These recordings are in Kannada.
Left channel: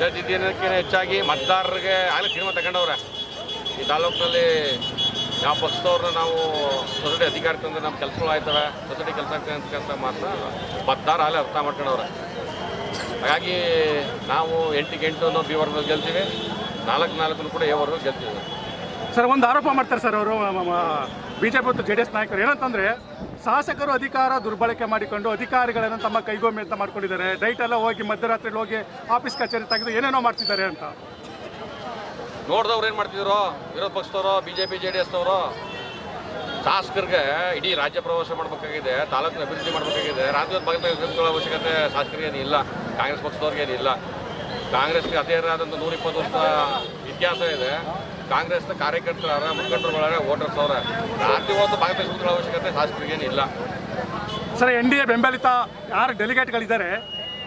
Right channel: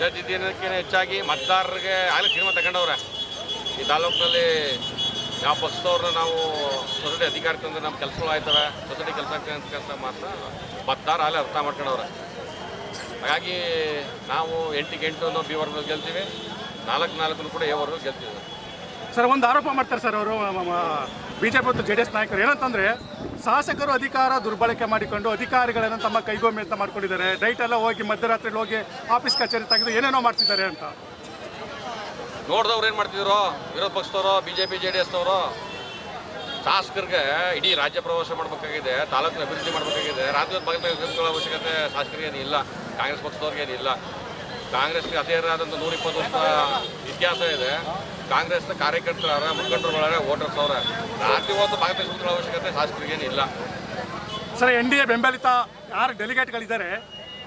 ದಿನಕ್ಕಿಂತ ಹೆಚ್ಚಾಗಿ ಮತದಾರರಿಗೆ ಆಗಲೇ ತೀರ್ಮಾನ ತಗೊಂಡವ್ರೆ. ಈ ತಾಲೂಕಿನಲ್ಲಿ ಯಾವ ಪಕ್ಷದವ್ರನ್ನ ನಾವು ಸೊಸೈಟಿ ಅಧಿಕಾರ ತಂದ್ರೆ ನಮ್ಮ ಕೆಲಸಗಳು ಆಯ್ತವೆ, ಸೊಸೈಟಿ ಕೆಲಸ ಆಗ್ತವೆ ಅಂತ ಮಾತ್ರ ಮತದಾರ ಆಗಲೇ ಅರ್ಥ ಮಾಡ್ಕೊಂಡವ್ರೆ. ಹಾಗಾಗಿ ನಾವು 8ಕ್ಕೆ 8 ಅನ್ನೋ ಬಿ ವರ್ಗದಲ್ಲಿ ಗೆಲ್ತೀವಿ, 4-4 ಕೂಡ ಎ ವರ್ಗದಲ್ಲಿ ಗೆಲ್ತೀವಿ. ಸರ್, ಒಂದು ಆರೋಪ ಮಾಡ್ತಾರೆ ಸರ್ ಅವರು BJP ಮತ್ತು JDS ನಾಯಕರು. ಏನಂತಂದರೆ, ಶಾಸಕರು ಅಧಿಕಾರ ದುರ್ಬಳಕೆ ಮಾಡಿಕೊಂಡು ಅಧಿಕಾರಿಗಳನ್ನು ತಮ್ಮ ಕೈಗೊಮ್ಮೆ ಅಂತ ಮಾಡ್ಕೊಂಡಿದ್ದಾರೆ. ಡೈಟ್ ಎಲ್ಲ ಹೋಗಿ ಮಧ್ಯರಾತ್ರಿ ಹೋಗಿ ಆಫೀಸ್ ಕಚೇರಿ ತೆಗೆದು ಏನೇನೋ ಮಾಡ್ತಿದ್ದಾರೆ ಅಂತ. ನೋಡಿದವ್ರು ಏನು ಮಾಡ್ತಿದ್ರು, ವಿರೋಧ ಪಕ್ಷದವರು, BJP JDS ಅವರು ಶಾಸಕರಿಗೆ ಇಡೀ ರಾಜ್ಯ ಪ್ರವಾಸ ಮಾಡಬೇಕಾಗಿದೆ, ತಾಲೂಕಿನ ಅಭಿವೃದ್ಧಿ ಮಾಡಬೇಕಾಗಿದೆ. ರಾಜ್ಯದ ಬಗ್ಗೆ ಅವಶ್ಯಕತೆ ಶಾಸಕರಿಗೇನು ಇಲ್ಲ, ಕಾಂಗ್ರೆಸ್ ಪಕ್ಷದವ್ರಿಗೇನಿಲ್ಲ. ಕಾಂಗ್ರೆಸ್ಗೆ ಅದೇ ಆದಂಥ 120 ವರ್ಷ ಇತಿಹಾಸ ಇದೆ. ಕಾಂಗ್ರೆಸ್ನ ಕಾರ್ಯಕರ್ತರ ಮುಖಂಡರುಗಳ ವೋಟರ್ಸ್ ಅವರ ರಾತ್ರಿ ಹೊತ್ತು ಭಾಗವಹಿಸುವ ಅವಶ್ಯಕತೆ ಶಾಸಕರಿಗೇನಿಲ್ಲ. ಸರ್, NDA ಬೆಂಬಲಿತ ಯಾರು ಡೆಲಿಗೇಟ್ಗಳಿದ್ದಾರೆ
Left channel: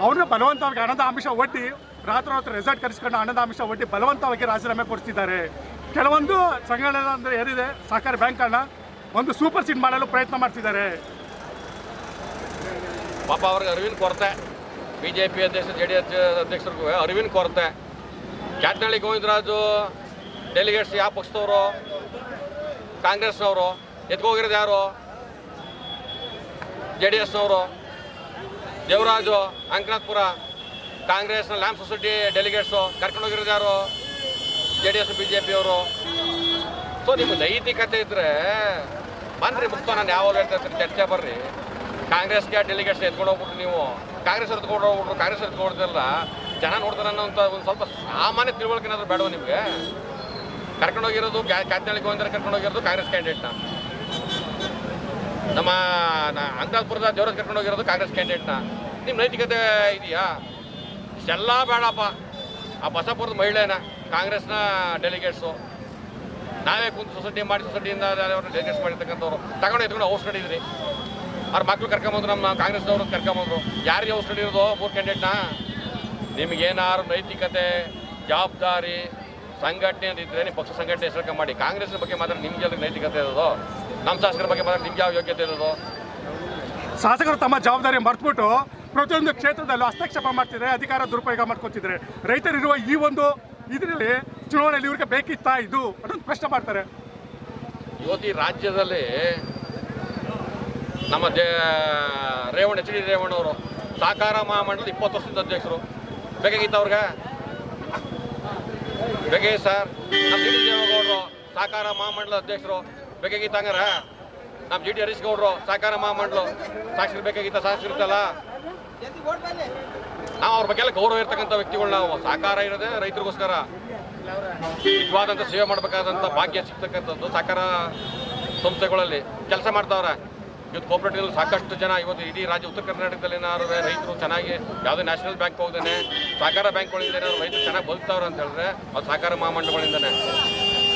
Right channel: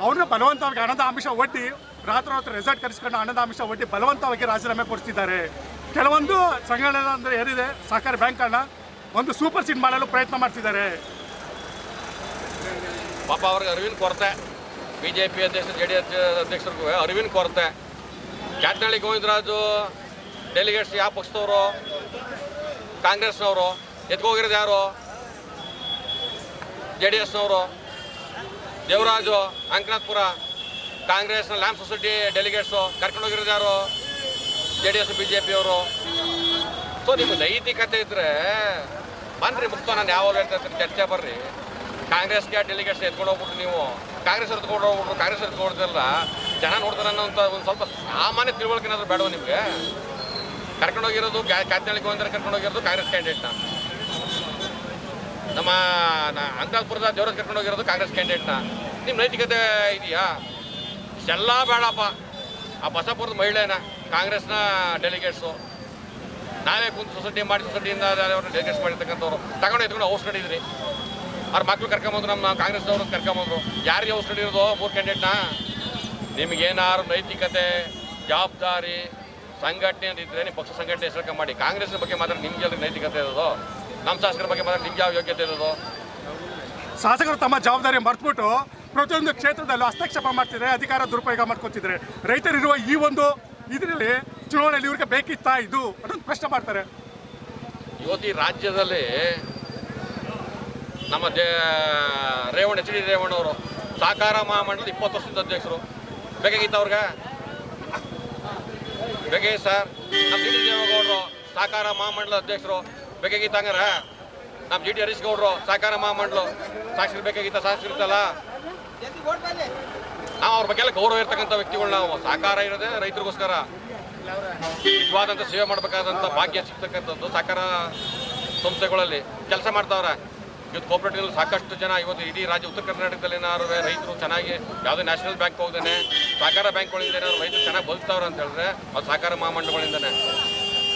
ಅವ್ರನ್ನ ಬಲವಂತವಾಗಿ ಹಣದ ಅಂಶ ಒಡ್ಡಿ ರಾತ್ರಿ ರೆಸಾರ್ಟ್ ಕರೆಸ್ಕೊಂಡು ಹಣದ ಅಂಶ ಒಡ್ಡಿ ಬಲವಂತವಾಗಿ ರಾಜೀನಾಮೆ ಕೊಡಿಸ್ತಿದ್ದಾರೆ. ಕೆಲವೊಂದು ಸಂಘಟನೆ ಅಂದರೆ ಏನಿದೆ, ಸಹಕಾರಿ ಬ್ಯಾಂಕನ್ನು ಒಂದು ಸೂಪರ್ ಸೀಡ್ ಮಾಡಲು ಪ್ರಯತ್ನ ಮಾಡ್ತಿದ್ದಾರೆ. ಪಾಪ ಅವ್ರಿಗೆ ಅರಿವಿನ ಕೊರತೆ, BJP ಅಧ್ಯಕ್ಷ JDS ಅಧ್ಯಕ್ಷರಿಗೂ ಅರಿವಿನ ಕೊರತೆ. ಕ್ಯಾಟ್ನಳ್ಳಿ ಗೋವಿಂದರಾಜು ಡೆಲಿಗೇಟ್ಸ್ ಯಾವ ಪಕ್ಷದವರು, ಕಾಂಗ್ರೆಸ್ನವರು. ಎತ್ಕೋಗಿರೋದು ಯಾರು, JDSನವರು. ದೇವರಾಜು ಅಂಕನಾಥ್ಪುರ ಕಾಂಗ್ರೆಸ್ನ ಲ್ಯಾಂಪ್ ಸೊಸೈಟಿ ಡೆಲಿಗೇಟ್ಸು ಕರ್ಕೊಂಡೋಗಿರೋದು ಯಾರು, JDS BJP ಅವರು. ಸೊ ನಿಮ್ಮ ನೈತಿಕತೆ ಇದ್ದರೆ ಬನ್ನಿರಿ, ಮುಕ್ತ. ನಾನು ಯಾವಾಗ ಹೇಳ್ತಾ ಚರ್ಚೆ ಬರ್ರಿ. ಕಾಂಗ್ರೆಸ್ಗೆ ಡೆಲಿಗೇಟ್ಸ್ ಎತ್ಕೊಂಡು ಹೋಗ್ಬಿಟ್ರು, ನೀವು ಕಾಂಗ್ರೆಸ್ ಎತ್ಕೊಂಡು ಹೋಗ್ಬಿಟ್ರು. ಕಾಂಗ್ರೆಸ್ ಎತ್ಕೊಡ್ತಿರಲ್ಲ, ಜನ ನೋಡ್ತಾರೆ ಅನ್ನೋಂಥ ಒಂದು ಸ್ವಲ್ಪ ಸಾಮಾನ್ಯ ತಿಳುವಳಿಕೆ ಏನಾದರೂ ಬೇಡವ ನಿಮಗೆ? ಕರ್ಕೊಂಡೋಗಿರೋದು ಕ್ಯಾತ್ನಳ್ಳಿ ಗೋವಿಂದರ ಕರ್ಕೊಂಡೋಗಿರೋದು ಕಾಂಗ್ರೆಸ್ ಕ್ಯಾಂಡಿಡೇಟ್ನ, ನಮ್ಮ ಅಂಕನಾಥ್ಪುರದ ದೇವರಾಜ್ ಕರ್ಕೊಂಡೋಗಿರೋದು ಕಾಂಗ್ರೆಸ್ ಕ್ಯಾಂಡಿಡೇಟ್ನ. ನಿಮ್ಮ ನೈತಿಕತೆ ಇದೆಯಾ? ಇಷ್ಟೆಲ್ಲ ಬೇಡಪ್ಪ. ಆ ಬಸಪುರದ ಮಹಿಳೆನ ಕಾಂಗ್ರೆಸ್ನ ಡೆಲಿಗೇಟ್ಸು ನಾವೇ ಕುಂತು ಸೊಸೈಟಿಯಿಂದ ಡೆಲಿಗೇಟ್ಸ್ ಮಾಡಿರ್ತಕ್ಕಂಥವ್ರು ತಗೊಂಡು ಎತ್ಕೊಂಡು ಔಸ್ ನಡೀದ್ರಿ. ಅವ್ರ ಮಕ್ಳು ಕರ್ಕೊಂಬಂದ್ರು, ನಮ್ಮ ಕಾಂಗ್ರೆಸ್ನವ್ರು ಕರ್ಕೊಂಬಂದ್ರು. ಯಾರಿಗೆ ಔಸ್ ನಡೀರೋದು 3 ಕ್ಯಾಂಡಿಡೇಟ್ನ? ನಿಮಗೇನಾದ್ರು ನೈತಿಕತೆ, ಜವಾಬ್ದಾರಿ, ಸಂಘಟನೆ ಇದ್ದರೆ ನೀವು ಪಕ್ಷ ಸಂಘಟನೆ ಹೆಸರು ಮಾಡಿ. ಕಾಂಗ್ರೆಸ್ನ ಬಗ್ಗೆ ಮಾತ್ರ ನಿಮ್ಗೆ ಎಲ್ಲ ನೈತಿಕತೆ ಇರೋದು, ನಮ್ಮ ಶಾಸಕರ ಬಗ್ಗೆ ಮಾತ್ರ ನಿಮ್ಗೆ ಯಾವ ಯೋಗ್ಯತೆ ಇರೋದು? ಶಾಸಕರು ತಮ್ಮ ಜವಾಬ್ದಾರಿ ಮರೆತುಬಿಟ್ಟು ಪ್ರತಿಯೊಂದು ಕ್ಷೇತ್ರದಲ್ಲೂ ಹಸ್ತಕ್ಷೇಪ ಮಾಡ್ತಿದ್ದಾರೆ, ಅಧಿಕಾರ ದುರುಪಯೋಗ ಮಾಡ್ಕೊತಿದ್ದಾರೆ. ರೈತರಿರುವ ಈ ಒಂದು ಇದರಲ್ಲಿ ಚುನಾವಣೆಯಲ್ಲಿ ಇವ್ರಿಗೆ ಬೇಕಿತ್ತಾ ಇದು ಅನ್ನೋದು ಪ್ರಶ್ನೆ ಮಾಡ್ತಾರೆ. ಇವತ್ತು ಈ ರಾಜ್ಯದಲ್ಲಿ ನಮ್ಮ HD ರೇವಣ್ಣವರು ಸಹಕಾರ ಮಹಾಮಂಡಲದ 20 ವರ್ಷದ ಅಧ್ಯಕ್ಷರು. ಬೇಕಾಗಿತ್ತು ಅವ್ರಿಗೆ? ಬೇಕಾಗಿ ಸರ್. ನಮ್ಮ GD ದೇವೇಗೌಡರು ಸಹಕಾರ ಮಹಾಮಂಡಲದ ಅಧ್ಯಕ್ಷರು. ಬೇಕಾಗಿತ್ತು ಹಂಗಾರ? ನಮ್ಮ GD ಹರೀಶ್ ಗೌಡರು ಸಹಕಾರ ಮಹಾಮಂಡಲ ಶಾಸಕರು ಬೇಕಾಗಿತ್ತ? ಶಾಸಕರಿರ್ತಲ್ಲ. ನಾವು ಅವ್ರ ಬಗ್ಗೆ ಎಲ್ಲ ಗೌರವ ಇರ್ತಕ್ಕಂಥ ವ್ಯಕ್ತಿಗಳು. ನಾವು ಸಹಕಾರ ಇರೋದೇ ರೈತರಿಗೋಸ್ಕರ. ನಿಜವಾದಂಥ ಸೇವೆ ಮಾಡಬೇಕಾದಂಥ ಭಾಗ್ಯ ಸಿಗ್ತಕ್ಕಂಥದ್ದು ಸಹಕಾರ ಸಂಸ್ಥೆಗಳಲ್ಲಿ ಕೆಲಸ ಮಾಡ್ತಾವ್ರೆ. ಇವತ್ತು ಕೋಆಪರೇಟಿವ್ ಸಾಕಷ್ಟು ಜನ ಇವತ್ತು ಇಡೀ ರಾಜ್ಯ ಉತ್ತರ ಕರ್ನಾಟಕದಲ್ಲಿ ಏನಾದ್ರು ರೈತರು ಚೆನ್ನಾಗಿ ಯಾವುದೇ ನ್ಯಾಷನಲ್ ಬ್ಯಾಂಕ್ ಹೋಗ್ದೇನೆ ಸಹಕಾರ ಬ್ಯಾಂಕ್ಗಳಿಂದ ಏನಾದ್ರು ರೈತರು ಚೆನ್ನಾಗಿ ಬದುಕ್ತಾವ್ರೆ ಅಂತ ಹೇಳಿದ್ರೆ ಅದು ಸಹಕಾರ ಮಹಾಮಂಡಲಗಳಿಂದನೇ.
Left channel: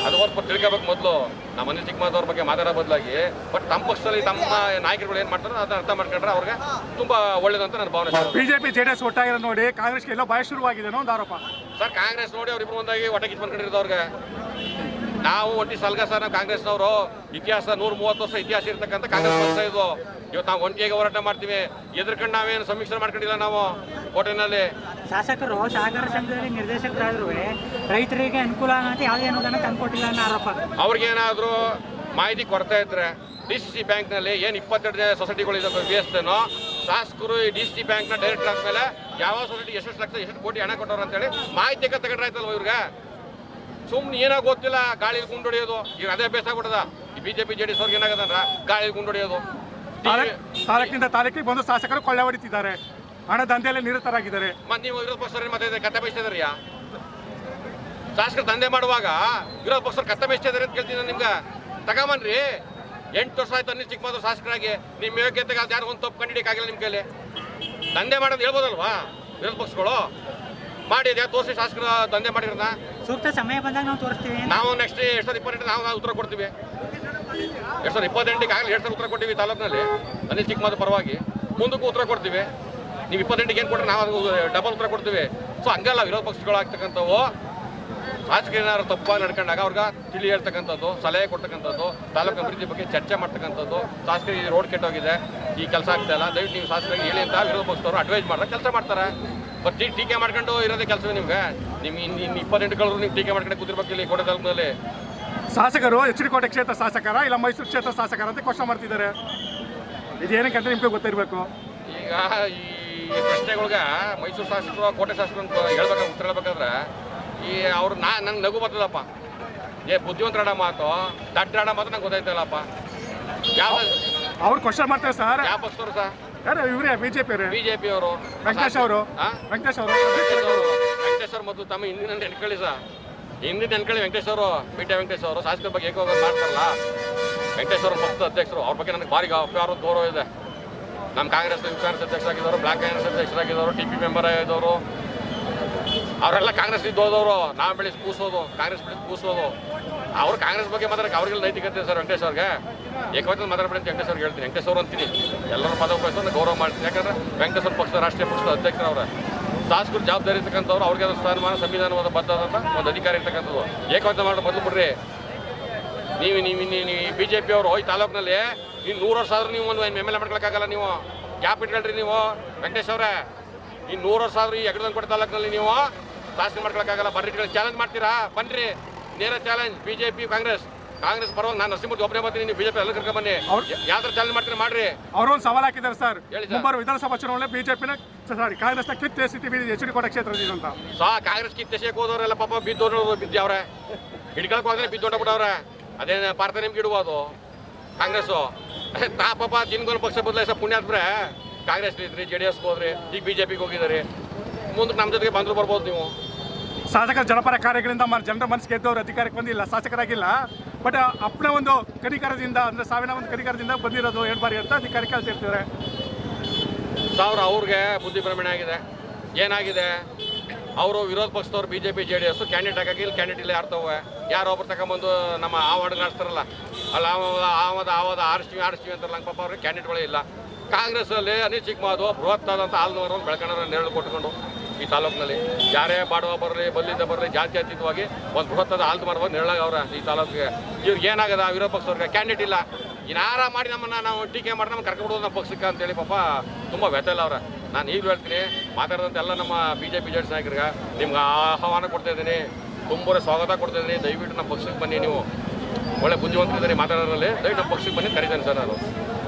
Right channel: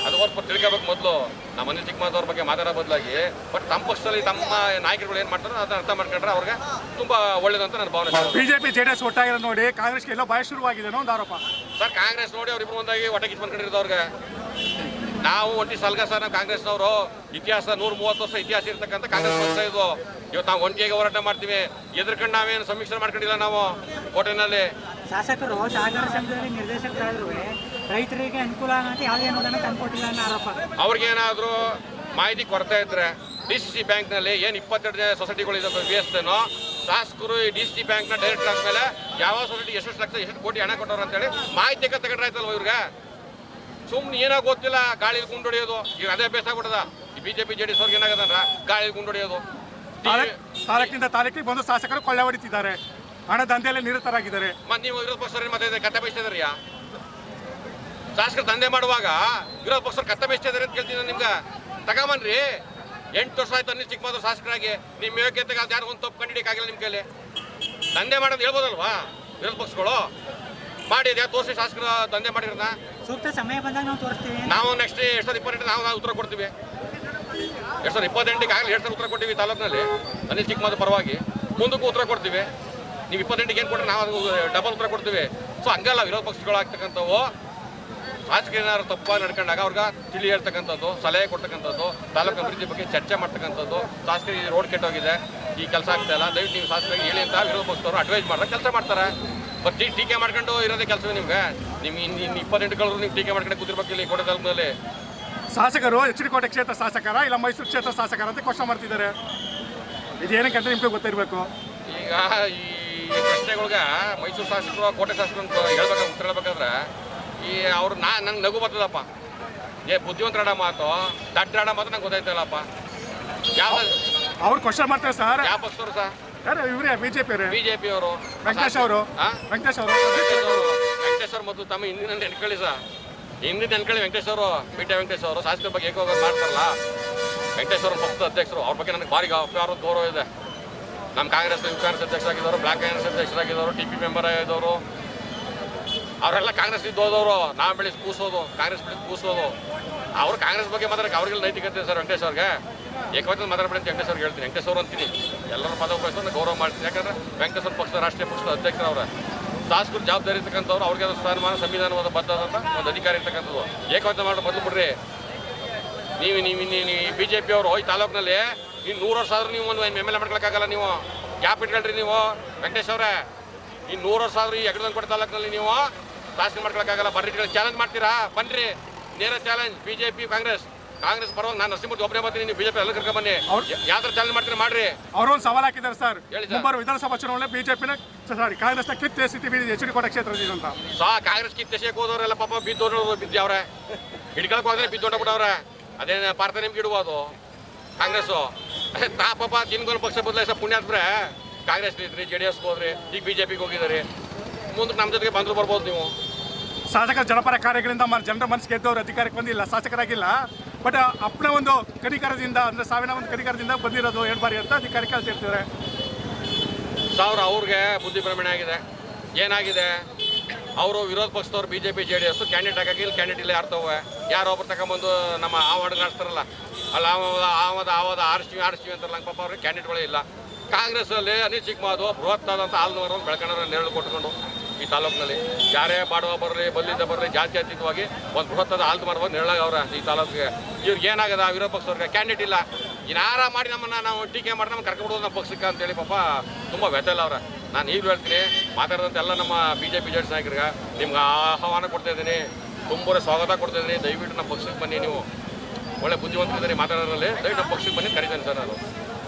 ಅದು ಹೊರತು ತಿಳ್ಕೋಬೇಕು. ಮೊದಲು ನಮ್ಮ ಅನಿಲ್ ಚಿಕ್ಕಮಾದವ್ರ ಬಗ್ಗೆ ಮಾತಾಡೋ ಬದಲಾಗಿ ಬಟ್ ತಮ್ಮ ಪಕ್ಷದಲ್ಲಿ ತಮ್ಮ ನಾಯಕರುಗಳು ಏನು ಮಾಡ್ತಾರೋ ಅದನ್ನ ಅರ್ಥ ಮಾಡ್ಕೊಂಡ್ರೆ ಅವ್ರಿಗೆ ತುಂಬ ಒಳ್ಳೇದಂತ ನನ್ನ ಭಾವನೆ. BJP JDS ಒಟ್ಟಾಗಿರೋ ನೋಡಿ ಕಾಂಗ್ರೆಸ್ಗೆ ಎಲ್ಲ ಭಯ ಶುರುವಾಗಿದೆ ಅನ್ನೋ ಒಂದು ಆರೋಪ. ಸರ್, ಕಾಂಗ್ರೆಸ್ ನೋಡಿ ಅವ್ರಿಬ್ರು ಒಂದಾಗಿ ಒಟ್ಟಾಗಿ ಕಿತ್ಕೊಂಡ್ಕೊಂಡಿರೋದು ಅವ್ರಿಗೆ. ನಾವು ಒಂಟಿ ಸಲ್ಗ ಸರ್, ನಾವು ಕಾಂಗ್ರೆಸ್ನವರು ಇತಿಹಾಸ 130 ವರ್ಷ ಇತಿಹಾಸ ಇರ್ತಕ್ಕಂಥ ಕಾಂಗ್ರೆಸ್ ಪಕ್ಷ ಇದು. ಇವತ್ತು ನಾವು ಒಂಟಿಯಾಗಿ ಹೋರಾಟ ಮಾಡ್ತೀವಿ. ಎದ್ರಕೊಂಡು ನಾವೇನು ಸಮೀಕ್ಷೆ ಮಾಡ್ಕೊಂಡಿಲ್ಲ ನಾವು ಕೋಟೆನಲ್ಲಿ. ಶಾಸಕರು ಸಹಕಾರ ಸಂಘದಲ್ಲಿ ನಿರ್ದೇಶಕರಾದ್ರು ರೈತರಿಗೆ ಅನುಕೂಲ ಆಗುತ್ತೆ ಯಾವುದೇ ಅನುದಾನ ತಂದುಕೊಟ್ಟಿಲ್ಲ ಅನ್ನೋ ಆರೋಪ. ಅವ್ರಿಗೇನಾದರೂ ಮಾಹಿತಿ ಕೊಡ್ತಾ ಇದ್ರೆ DCC ಬ್ಯಾಂಕ್ನಲ್ಲಿ ಏನು 22 ಸೊಸೈಟಿಗಳಿದ್ದಾವೆ BSನೋ ಶಾಸಕರು ಈ DCC ಬ್ಯಾಂಕ್ನ ಡೈರೆಕ್ಟರ್ ಆದಮೇಲೆ ಯಾವ ಸೊಸೈಟಿ ಎಷ್ಟು ಲಕ್ಷ ಎಷ್ಟು ಕೋಟಿ ಹಣ ಕೊಟ್ಟವ್ರು ಅಂತೇಳಿ ಮಾಹಿತಿ ತಗೊಂಡ್ರೆ ಆಯ್ತಲ್ವ ಇವ್ರಿಗೆ? ಸುಮ್ಮನೆ ಏನೋ ಗೊತ್ತಿಲ್ಲ, ಗಾಳಿಲಿ ಗುಂಡೊಡೆಯೋದು. ಈಗ ಅದೇ ಅಭ್ಯಾಸ ಆಗ್ಬಿಟ್ಟದ ಈ BJP JDS ಅವ್ರಿಗೆ. ಏನಾಗದಂದ್ರ ಗಾಳಿಲಿ ಗುಂಡೊಡೆಯೋದು. ತಾಲೂಕಿನಿಂದ ತಾಲೂಕಿಗೆ ಬಂದು ಶಾಸಕರು ಕೊಳ್ಳೆ ಹೊಡಿತಿದ್ದಾರೆ, ಹಣ ದಂಧೆಯಲ್ಲಿ ನಿರತರಾಗಿದ್ದಾರೆ. ಮತ್ತೆ ನೀವು ವಿರೋಧ ಪಕ್ಷ ಮತ್ತೆ ಕತ್ತೆ ಬಯಸ್ತಿದಾರ್ಯಾ? ಶಾಸಕರು ದಂಧೆ ಮಾಡುವಾಗ ವಿರೋಧ ಪಕ್ಷರು ಕತ್ತೆ ಬಯಸ್ತಿದ್ದಾರೆ ಅಂತ ಕೇಳ್ತೀನಿ ನಿಮ್ಗೆ. ತಗೊಂಬನ್ರಿ. 8 ವರ್ಷ ಆಯ್ತು ಅನಿಲ್ ಚಿಕ್ಕಮಾದವ್ರು ಶಾಸಕರಾಗಿ. ನಿಮ್ಮ ಯೋಗ್ಯತೆಗೆ ಅದು ಯಾರು ಒಂದು ತಪ್ಪು ಕಂಡಿಡಿಯಕ್ಕಾಗಿಲ್ಲ ನಿಮ್ಮ ಕೈಲಿ. ದಂಧೆ ಮಾಡೋದು ಹೇಳ್ಬೋದಲ್ವಾ ವಿರೋಧ ಪಕ್ಷಗಳು? ಮಾಡಿ ಯಾವ ತೋರಿಸಿ ಶಾಸಕರ ದಂಧೆ ಮಾಡಿರೋದನ್ನ. ಸೂಕ್ತ ಸಮಯ ಬಂದಾಗ ನಾವು ತೋರಿಸ್ತೀವಿ. ನಾವು ನೆಕ್ಸ್ಟ್ 2028 ನಾವು ಉತ್ತರ ಕೊಡ್ತೀವಿ. 2028 ಆಗಲಿ 2 ಸಲ ಉತ್ತರ ಕೊಟ್ಟಿವಿ ತಾಲೂಕಿನಲ್ಲಿ ಅನಿಲ್ ಚಿಕ್ಕಮಾದವ್ರ ಪರವಾಗಿ. ಮುಂದಕ್ಕೂ ಉತ್ತರ ಕೊಡ್ತೀವಿ. ನೀವು 28 ಏನು ಕೊಟ್ಟರೆ ನಾವು ಡಬಲ್ ಉತ್ತರ ಕೊಡ್ತೀವಿ. ಸೊ ಹಂಗಲ್ಲ ವಿರೋಧ ಪಕ್ಷಗಳು ಆಗ್ತಕ್ಕಂಥವು. ಶಾಸಕರು ಏನಾದ್ರು ತಪ್ಪಾಗಿ ನಡ್ಕೊಂಡಾಗ ಅವ್ರಿಗೆ ತಿಳಿ ಹೇಳ್ತಕ್ಕಂಥದ್ದು, ಸಲಹೆ ಕೊಡ್ತಕ್ಕಂಥದ್ದು, ತಾಲೂಕು ಅಭಿವೃದ್ಧಿ ಬಗ್ಗೆ ಚರ್ಚೆ ಮಾಡ್ತಕ್ಕಂಥದ್ದು. ಶಾಸಕರಿಗೆ ರೋಡ್ ಕೆಟ್ಟೋಗಿದೆ, ಈ ಕೆಲಸ ಆಗ್ತಾ ಇಲ್ಲ, ದಯವಿಟ್ಟು ನೀವು ಶಾಸಕರಿಗೆ ಹೇಳಿ ಅಂತ ವಿರೋಧ ಪಕ್ಷದವರು ಅಡ್ವೈಸ್ ಮಾಡಿದ್ರೆ ಕೆಲಸ ಮಾಡ್ತಾರೆ. ಮತ್ತೆ ಟೀಕೆ ಮಾಡ್ಕೊಂಡು ಇರೋದೇ ಕೆಲಸವೇ ನಿಮ್ಗೆ. ನಿಮ್ಗೆ ಇನ್ನು 28 ಕಳೆದ್ರು ನೀವು ಟೀಕೆ ಮಾಡ್ಕೊಂಡು ಕೂತಿರ್ಬೇಕು ಇಲ್ಲಿ ಕೋಟೆ ತಾಲೂಕಿನಲ್ಲಿ. ಶಾಸಕರು ಎಚ್ ಡಿ ಕೋಟೆ ಕ್ಷೇತ್ರ ಶಾಸಕರ ಇಲ್ಲ ಮೈಸೂರು ಕ್ಷೇತ್ರ ಶಾಸಕರ ಅಂತ ಕ್ವಶನ್ ಮಾಡ್ತಿದ್ದಾರೆ. ಇದೇನಕ್ಕೆ ಅಂತ ನಿಮ್ಗೆ ಗೊತ್ತಿರಬೇಕು. ಈಗ ಈ ಪ್ರಶ್ನೆಗಳ್ಗೆ ಮೈಸೂರು ಶಾಸಕರು ಕೋಟೆ ಶಾಸಕರು ಅಂತ ಹೇಳ್ಬೇಕಾದ್ರೆ ಉತ್ತರ ಹೇಳ್ಬೇಕಾದ್ರೆ ಈ ಅವ್ರು ನಂಗೆ ನಗು ಬರ್ತದಪ್ಪ. ಬುದ್ಧಿವಂತರ ಮಾತು ದಡ್ಡ ಮಾತು ನಂಗೆ ಗೊತ್ತಾಯ್ತಲ್ಲಪ್ಪ. ಯಾವ ಅವ್ರು ಕ್ವಶನ್ ಮಾಡ್ತಾರೆ ಸರ್. ಯಾವ ಪಕ್ಷದವರು ಸರ್? ಯಾರು ಇವರೇ ಬಿಜೆಪಿ ಅವರೇ, ಬಿಜೆಪಿ ಅವರು ವೆಂಕಟೇಶ್ ಅವರು. ವೆಂಕಟೇಶ್ ಅವರು ಮತ್ತು ತಮ್ಮ ಹಿಂದಿನ ನೆನ್ಕೊಳ್ಳಿ ಸರ್, ಹಿಂದಿನ ನೆನ್ಕೊಳ್ಳಿ. ವೆಂಕಟೇಶ್ ಅವರು ವೆಂಕಟೇಶ್ ಅವರು ಶಾಸಕರ ಬಗ್ಗೆ ಏಕೋ ಮಾಡ್ತಾರಲ್ಲ. ವೆಂಕಟೇಶ್ ಅವರು ಪಕ್ಷದ ಅಧ್ಯಕ್ಷರು, ಅವ್ರ ಬಗ್ಗೆ ನನಗೆ ಭಾರಿ ಅಪಾರ ಗೌರವ ಇದೆ. ನಮ್ಮ ಕಾಂಗ್ರೆಸ್ ಅಧ್ಯಕ್ಷರಾಗಿದ್ದವರು, ಬ್ಲಾಕ್ ಕಾಂಗ್ರೆಸ್ ಅಧ್ಯಕ್ಷರಾಗಿದ್ದವರು, ಟಿ ಪಿ ಮೆಂಬರ್ ಆಗಿದ್ದವರು, ಅವರೆಲ್ಲ ಕಾಂಗ್ರೆಸ್ ಹೋದವರು. ನಾವು ಬೆಳೆಸಿ ಕೂಸೋದು, ಕಾಂಗ್ರೆಸ್ ಬೆಳೆಸಿ ಕೂಸೋದು. ಅವರು ಕಾಂಗ್ರೆಸ್ ಬಗ್ಗೆ ಮಾತಾಡಕ್ಕೆ ಅವ್ರಿಗೆಲ್ಲ ನೈತಿಕತೆ ಸರ್. ವೆಂಕಟೇಶ್ ಅವ್ರಿಗೆ ಏಕವಚನ ಮಾತಾಡ್ಬೇಡಿ ಅಂತ ವೆಂಕಟೇಶ್ ಅವ್ರಿಗೆ ಹೇಳ್ತೀನಿ. ವೆಂಕಟೇಶ್ ಅವರು ಅಂತೀನಿ, ಎಲ್ಲರೂ ಪದ ಉಪಯೋಗಿಸೋದು ಗೌರವ ಮಾಡ್ತೀನಿ. ಯಾಕಂದ್ರೆ ವೆಂಕಟೇಶ್ ಅವ್ರ ಪಕ್ಷದ ರಾಷ್ಟ್ರೀಯ ಪಕ್ಷದ ಅಧ್ಯಕ್ಷರು ಅವರ ಶಾಸಕರು ಜವಾಬ್ದಾರಿ ಇರ್ತಕ್ಕಂಥವ್ರು. ಅವ್ರಿಗೆ ಅದು ಸ್ಥಾನಮಾನ ಸಂವಿಧಾನವಾದ ಬದ್ಧವಾದಂಥ ಒಂದು ಅಧಿಕಾರ ಇರ್ತಕ್ಕಂಥದ್ದು. ಏಕವಚನ ಮಾಡೋ ಬದಲು ಬಿಡ್ರಿ. ನೀವು ಬಿ ಜೆ ಪಿ ಅವರು ಈ ತಾಲೂಕಿನಲ್ಲಿ ನೀವು 100 ವರ್ಷ ಆದ್ರೂ ನೀವು ಒಂದು ಎಮ್ ಎಲ್ ಎ ಮಾಡ್ಕೊಳಕ್ಕಾಗಲ್ಲ. ನೀವು ಗ್ಯಾಪ್ ಇಟ್ಕೊಳ್ರಿ. ನೀವು ವೆಂಕಟೇಶ್ ಅವರೇ ಈ 100 ವರ್ಷ ಆದ್ರೂ ಈ ಯಗಡದಂಕೋಟೆ ತಾಲೂಕಿನಲ್ಲಿ ನೀವು ಶಾಸನ ಮಾಡ್ಕೊಳಕ್ಕಾಗಲ್ಲ. ಬರ್ರಿ, ಚಾಲೆಂಜ್ ಮಾಡ್ತೀರಾ? ಬನ್ನಿರಿ, ನೇರ ಚಾಲೆಂಜ್. ಬಿಜೆಪಿ ಕಾಂಗ್ರೆಸ್ ಪರವಾಗಿ ನಾನು ನರಸಿಂಹಮೂರ್ತಿ ಒಬ್ಬನೇ ಬರ್ತೀನಿ. ನೀವು ಬಿಜೆಪಿ ಎಲ್ಲ ಕರ್ಕೊಂಡ್ ಬನ್ನಿ. ಯಾವ ಥರ ಚಾಲೆಂಜ್ ಮಾಡ್ತೀರಾ ಮಾಡ್ರಿ. ಅವರೊಂದು ಸವಾಲು ಹಾಕಿದ್ದಾರೆ ಸರ್. ಹೇಳಿ ಸರ್. ಮುಂಬರುವ ವಿಧಾನಸಭಾ ಚುನಾವಣೆ ಬಿಜೆಪಿನ ಕಾಂಗ್ರೆಸ್ನ ಕಿತ್ತು ಎಸಿತೀವಿ ಎಚ್ ಡಿ ಕೋಟೆ ಕ್ಷೇತ್ರದಿಂದ ಅಂತ. ಕಾಂಗ್ರೆಸ್ ಕಿತ್ತೆಸಕ್ಕೆ ಹೋದವರೆಲ್ಲ ಪಾಪ ಬಿದ್ದವ್ರೆ. ಹಿಡ್ಕೊಳಕ್ ಹೋದ್ರೆ ಬಿದ್ದೋಗ್ಬಿಟ್ಟವ್ರೆ. ಅದೇನು ಭಾರತ ನಿಮ್ಗೆ ಇಡುವುದು ಕಾಂಗ್ರೆಸ್ಸು. ಪಾಪ ದಿನಗೊಂದು ಪಕ್ಷ ಬದಲಾಯಿಸ ಪುಣ್ಯಾತ್ಮರೆ ಕಾಂಗ್ರೆಸ್ ಇದ್ರಿ, JDS ಹೋದ್ರಿ, ಈಗ ಬಿಜೆಪಿಗೆ ಹೋಗಿದ್ದಾರೆ. ಮುಂದಕ್ಕೆ ನಮ್ಮ ಜೊತೆಗೆ ಬಂದರೂ ಬರ್ಬೋದು ನೀವು. ಶಾಸಕ ಜನಪರ ಕಾರ್ಯಗಳಿಂದ ಜನರ ಮನಸ್ಸು ಗೆದ್ದವರು ಅಧಿಕಾರಕ್ಕೆ ಬಂದಿಲ್ಲ, ಶಾಸಕರಾಗಿಲ್ಲ. ಬಟ್ ಅಪ್ಪನ ಒಂದು ಕನಿಕರದಿಂದ, ಅಂದರೆ ಸಾವಿನ ಒಂದು ಕನಿಕರದಿಂದ ಬಂದಿರೋದು 2 ಬಾರಿ ಅಂತ ಅಧಿಕಾರಕ್ಕೆ ಹೇಳ್ತಿರ್ತಾರೆ. ಅವ್ರಿಗೆ ಬುದ್ಧಿ ಭ್ರಮಣೆ ಆಗಿದೆ. ಏನಾಗಿದೆ, ಅವರು ವಿರೋಧ ಪಕ್ಷದವ್ರು ಬಿಜೆಪಿ JDS ಕ್ಯಾಂಡಿಡೇಟ್ ಹಾಕಿ ಇಲ್ಲಿ ಕ್ಯಾಂಡಿಡೇಟ್ ಇಲ್ಲ ಯಾರ್ತವೆ. ಯಾರೋ ಒಬ್ಬರು ತಗೊಂಬಂದು ನಮ್ಮ ಆ ವಾರ್ಡ್ ನಡೆಸ್ತಾರಲ್ಲ, ಅಲ್ಲಿ ಆವದ ಆರಿಸ್ತೀವಿ ಅಂತಾರಲ್ಲ. ಪಾಪ ಅವ್ರಿಗೆ ಕ್ಯಾಂಡಿಡೇಟ್ಗಳೇ ಇಲ್ಲ. ಕಾಂಗ್ರೆಸ್ಸಲ್ಲಿ ಅನಿಲ್ ಚಿಕ್ಕಮಾದು ಬೃಹತ್ತಾದಂಥ ಹಾಲ್ನವರನ್ನು ಬೆಳ್ಕೊಂಡ್ರೆ ನೆರಳು ಕೊಟ್ಕೊಂಡು ಈ ತಾಲೂಕಿನಲ್ಲಿ ಯಾರೇ ಬಾಡುವ ಬರಲಿ, ಬಲ್ಲಿಂದ ಬರಲಿ, ಜಾತಿ ಅತೀತವಾಗಿ ಒಂದು ಬೃಹತ್ತಾದ ಹಾಲ್ದು ಮರವಾಗಿ ನೆರಳಾಗವ್ರೆ ಈ ತಾಲೂಕಿಗೆ. ಇವ್ರಿಗೆ ಏನಾಗದ ವಿರೋಧ ಪಕ್ಷದವ್ರಿಗೆ ಕ್ಯಾಂಡಿಡೇಟ್ ಇಲ್ಲ. ಇನ್ನಾರ ಮಾಡಿ ನಾವು ಟೀಕೆ ಮಾಡಿ ನಮ್ಗೆ ಕರ್ಕೊಂಡ್ಬಿಡೋದು ನಮ್ಮ ಪಕ್ಷಕ್ಕೆ ಅಂತೇಳಿ ಪಾಪ ತುಂಬ ವ್ಯಥೆಲ್ಲ ಅವ್ರೆ. ನಾನು ಈಗಲೂ ಹೇಳ್ತೀನಿ, ಮಾತಾಡಿದಂಥ ಎಲ್ಲ ನಮ್ಮ BJP JDS ನಾಯಕರಿಗೆ ನಿಮ್ಗೆ ಆಹ್ವಾನ ಕೊಡ್ತಾಯಿದ್ದೀನಿ, ತುಂಬ ಸ್ವಾಗತ ಕೊಡ್ತಾಯಿದ್ದೀನಿ. ದಯವಿಟ್ಟು ನಮ್ಮ ಪಕ್ಷಕ್ಕೆ ಬನ್ನಿ. ನೀವು ಒಳ್ಳೆ ಬುದ್ಧಿವಂತರಿದ್ದೀರಿ ಮಾತಾಡೋದ್ರಲ್ಲಿ. ದಯವಿಟ್ಟು ನಮ್ಮ ಪಕ್ಷಕ್ಕೆ ಬನ್ನಿ ಕರೀತೇನೆ ಸರ್ ನಾನು.